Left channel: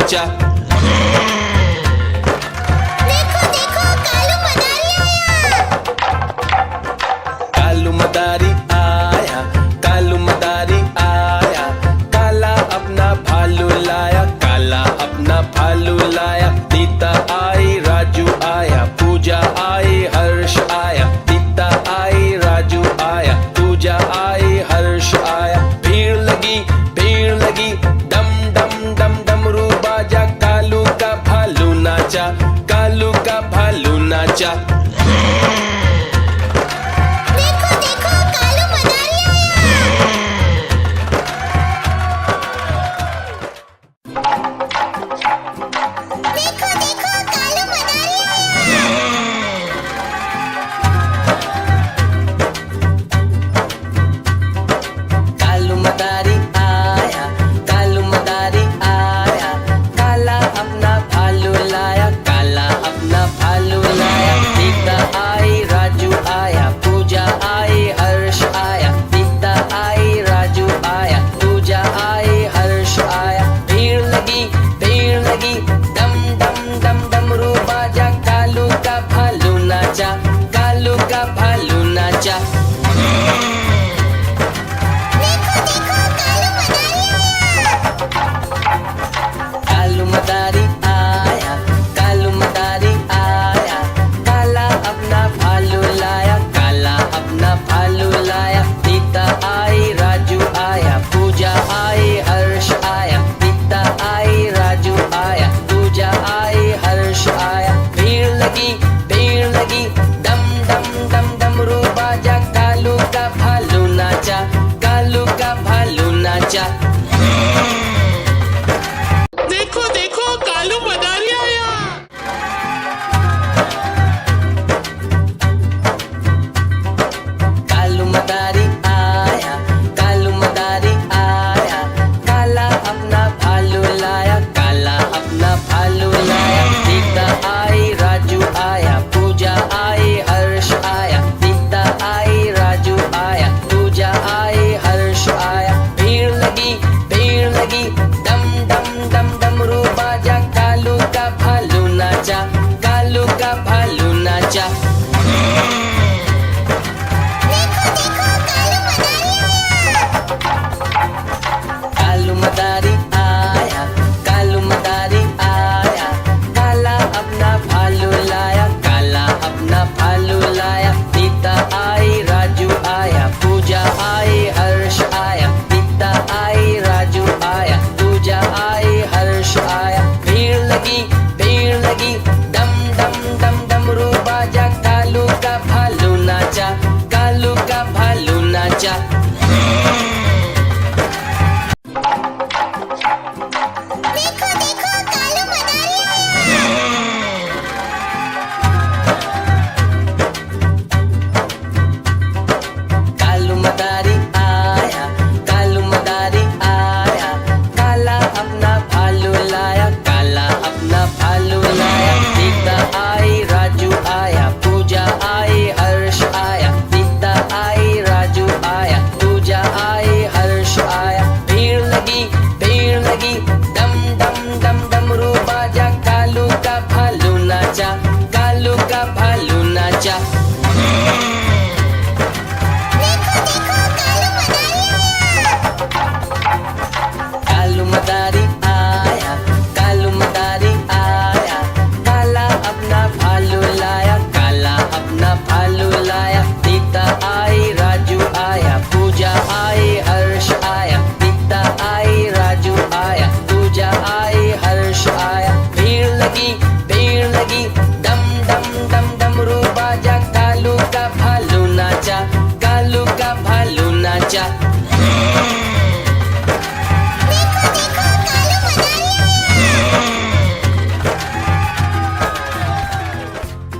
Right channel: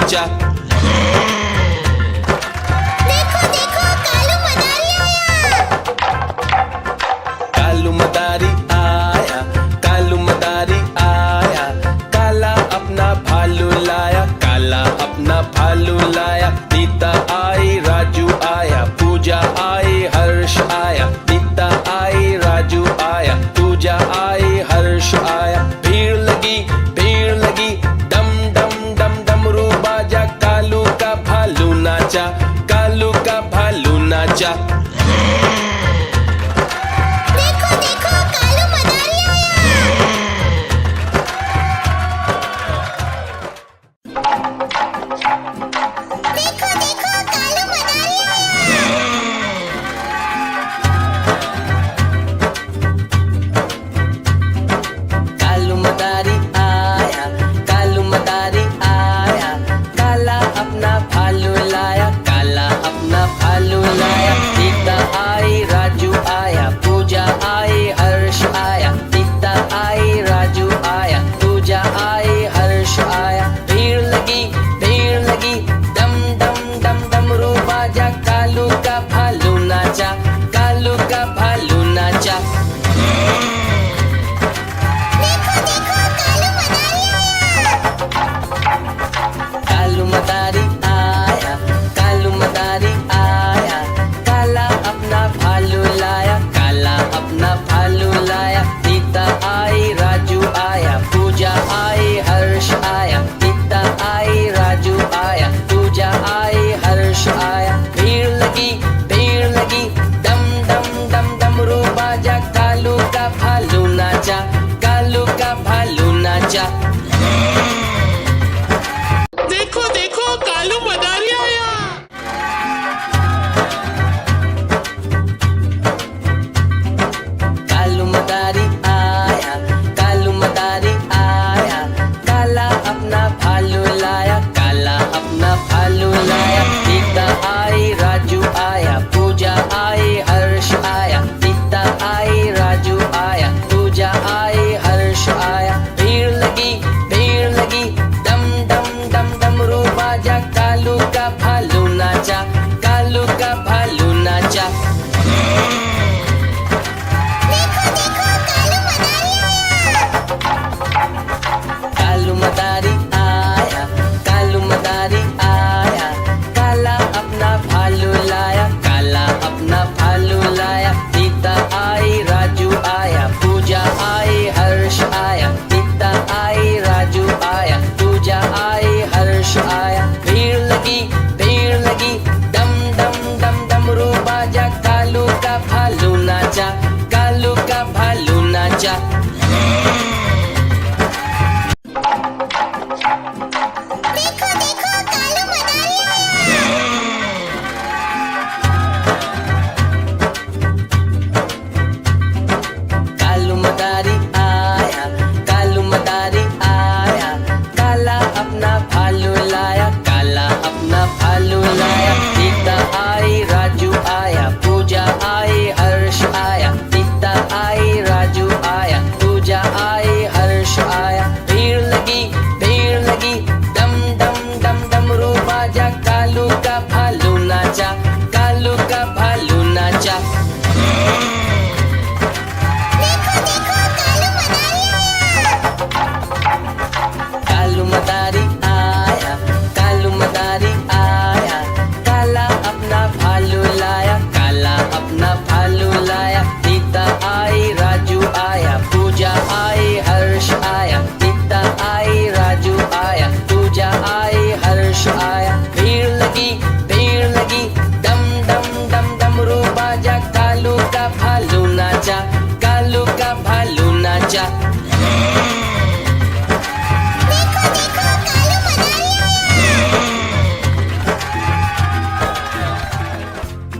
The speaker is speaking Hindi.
नाचा। देखो देखो कालू मदारी आया। कालू मदारी आया, कालू मदारी आया, काला अपना भालू लाया, काला अपना भालू लाया। नीता आई, राजू आया, पूजा आई, हर्ष आया। नीता आई, राजू आया, पूजा आई, हर्ष आया। भीड़ लगी, डम डम डम डमरू बाजा, कालू का भालू नाचा, कालू का भालू नाचा। देखो देखो कालू मदारी आया। देखो देखो कालू मदारी आया। कालू मदारी आया, कालू मदारी आया, काला अपना भालू लाया, काला अपना भालू लाया। सीता आई, राजू आया, पूजा आई, हर्ष आया। सीता आई, राजू आया, पूजा आई, हर्ष आया। भीड़ लगी, डम डम डम डमरू बाजा, कालू का भालू नाचा, कालू का भालू नाचा। देखो देखो कालू मदारी आया। कालू मदारी आया, कालू मदारी आया, काला अपना भालू लाया, काला अपना भालू लाया। सीता आई, राजू आया, पूजा आई, हर्ष आया। सीता आई, राजू आया, पूजा आई, हर्ष आया। भीड़ लगी, डम डम डम डमरू बाजा, कालू का भालू नाचा, कालू का भालू नाचा। देखो देखो कालू मदारी आया। कालू मदारी आया, कालू मदारी आया, काला अपना भालू लाया, काला अपना भालू लाया। सीता आई, राजू आया, पूजा आई, हर्ष आया। सीता आई, राजू आया, पूजा आई, हर्ष आया। भीड़ लगी, डम डम डम डमरू बाजा, कालू का भालू नाचा, कालू का भालू नाचा। देखो देखो कालू मदारी आया। कालू मदारी आया, कालू मदारी आया, काला अपना भालू लाया, काला अपना भालू लाया। सीता आई, राजू आया, पूजा आई, हर्ष आया। सीता आई, राजू आया, पूजा आई, हर्ष आया। भीड़ लगी, डम डम डम डमरू बाजा, कालू का भालू नाचा, कालू का भालू नाचा। देखो देखो कालू मदारी आया। कालू मदारी आया, कालू मदारी आया, काला अपना भालू लाया, काला अपना भालू लाया। सीता आई, राजू आया, पूजा आई, हर्ष आया। सीता आई, राजू आया, पूजा आई, हर्ष आया। भीड़ लगी, डम डम डम डमरू बाजा, कालू का भालू नाचा, कालू का भालू नाचा। देखो देखो कालू मदारी आया। कालू मदारी आया, कालू मदारी आया, काला अपना भालू लाया, काला अपना भालू लाया। सीता आई, राजू आया, पूजा आई, हर्ष आया। सीता आई, राजू आया, पूजा आई, हर्ष आया। भीड़ लगी, डम डम डम डमरू बाजा, कालू का भालू नाचा, कालू का भालू नाचा। देखो देखो कालू मदारी आया। कालू मदारी आया, कालू मदारी आया, काला अपना भालू लाया, काला अपना भालू लाया। सीता आई, राजू आया, पूजा आई, हर्ष आया। सीता आई, राजू आया, पूजा आई, हर्ष आया। भीड़ लगी, डम डम डम डमरू बाजा, कालू का भालू नाचा, कालू का भालू नाचा। देखो देखो कालू मदारी आया। कालू मदारी आया, कालू मदारी आया, काला अपना भालू लाया, काला अपना भालू लाया। सीता आई, राजू आया, पूजा आई, हर्ष आया। सीता आई, राजू आया, पूजा आई, हर्ष आया। भीड़ लगी, डम डम डम डमरू बाजा, कालू का भालू नाचा, कालू का भालू नाचा।